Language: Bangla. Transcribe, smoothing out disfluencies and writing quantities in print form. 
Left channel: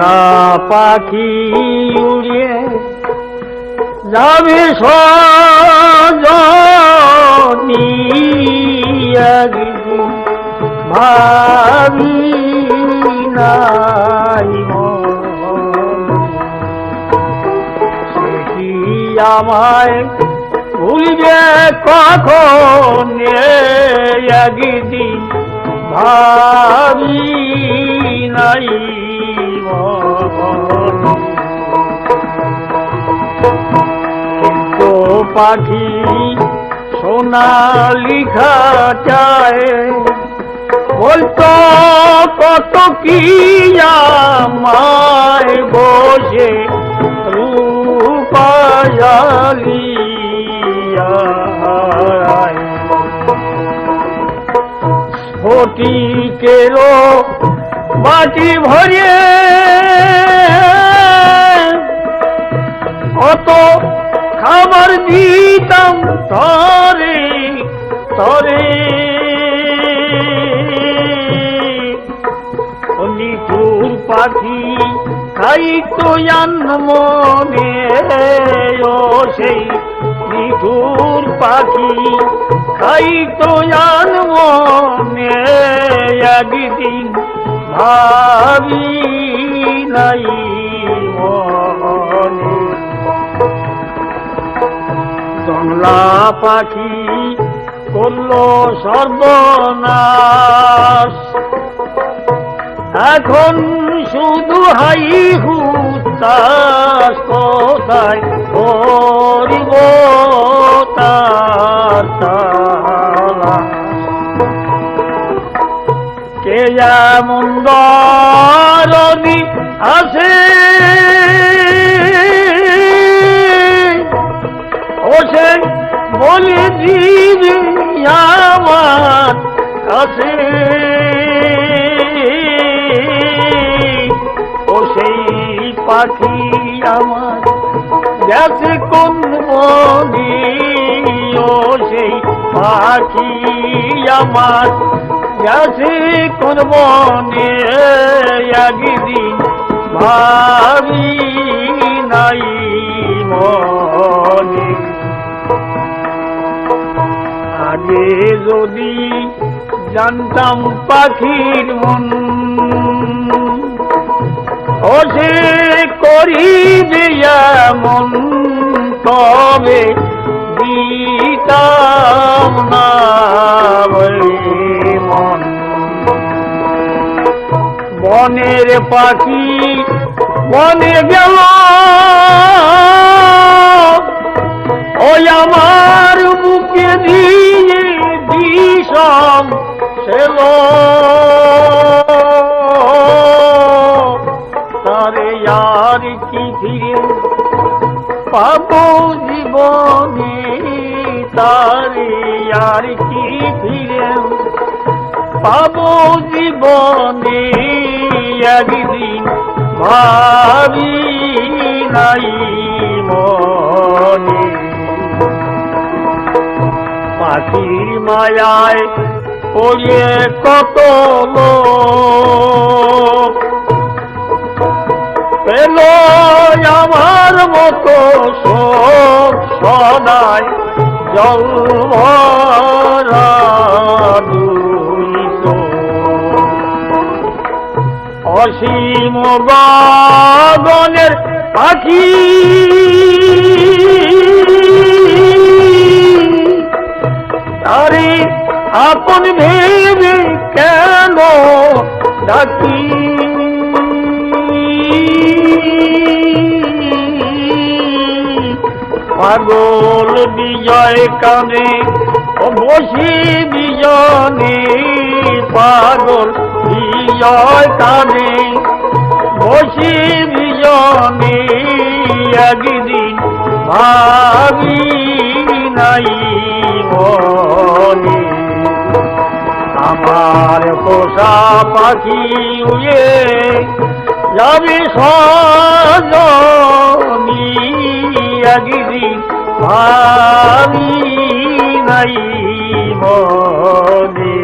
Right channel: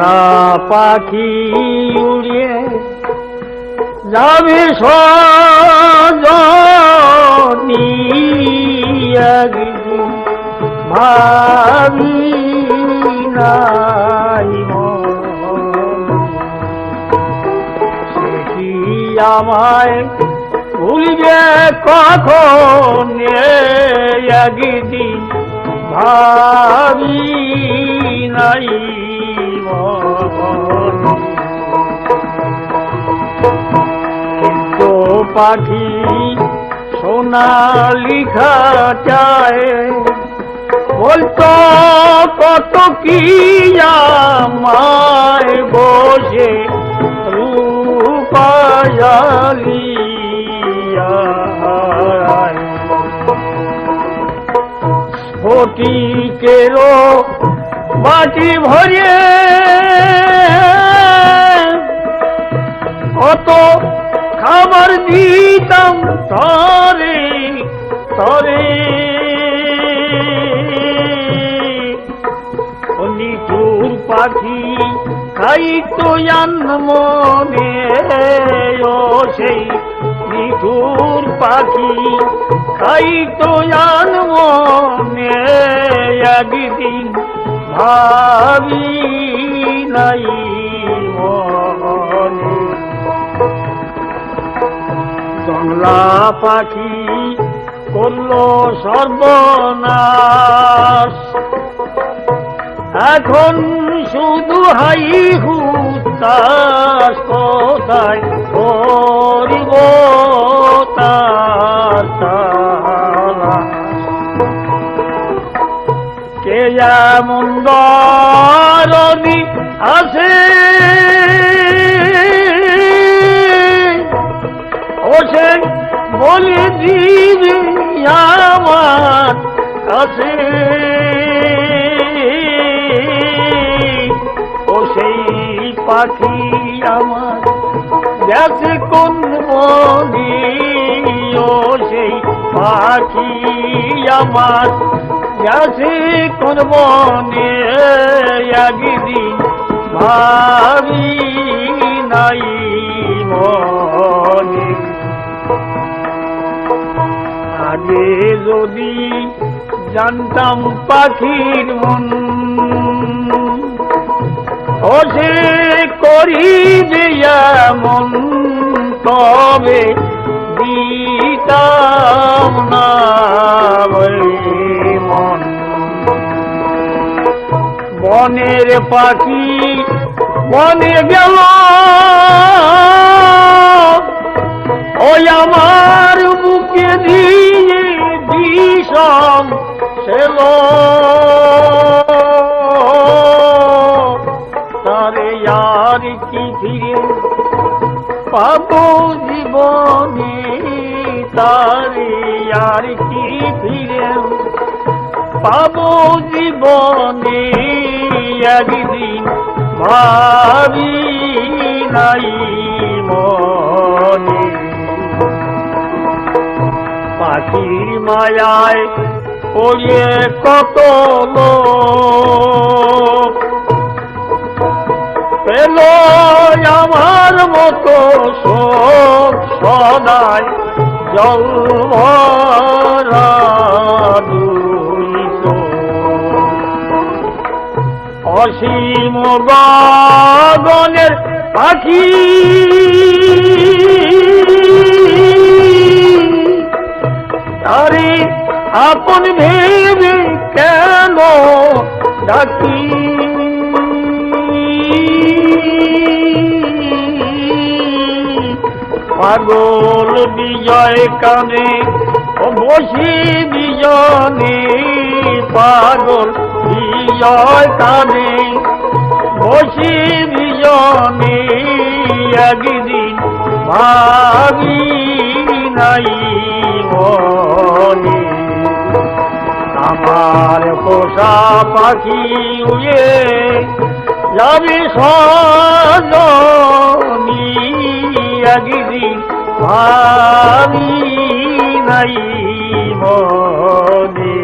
পোষা পাখি উড়ে যাবে সজনী একদিন ভাবি নাই সে আমায় ভুলবে কখন একদিন ভাবি নাই তো পাখি সোনালিখা চায় বলতো কত কি আমায় বসে রূপায়ালি ফটিকেরও বাটি ভরে কত খাবার দিতাম তরে তরে নিঠুর পাখি খাইতো মনে ও সেই নিঠুর পাখি খাইতো মনে একদিন ভাবি নাই জংলা পাখি করলো সর্বনাশ এখন শুধু হাই হুতাশ কোথায় করব তার কে এমন দরদি আছে ও সে বলে দিবি আমার কাছে ও সেই পাখি আমার গেছে কোন বনে ও সেই পাখি আমার গেছে কোন বনে একদিন ভাবি নাই মনে আগে যদি জানতাম পাখির মন ও সে করি যেমন তবে দিতাম না মন বনের পাখি বনে গেল ওই আমার বুকে দিয়ে বিষম ছিল তারে আর কি ফিরে পাবো জীবনে তারে আর কি ফিরে পাবো জীবনে একদিন ভাবি নাই মনে পাখির মায়ায় পড়ে কত লোক পেল আমার মতো শোক সদাই জল ভরা অসীম গগনের পাখি তারে আপন ভেবে কেন ডাকি পাগল বিজয় কানে বসি বিজনে পাগল বিজয় কানে বসি বিজনে একদিন ভাবি নাই মনে আমার পোষা পাখি উড়ে যাবে সজনী একদিন ভাবি নাই মনে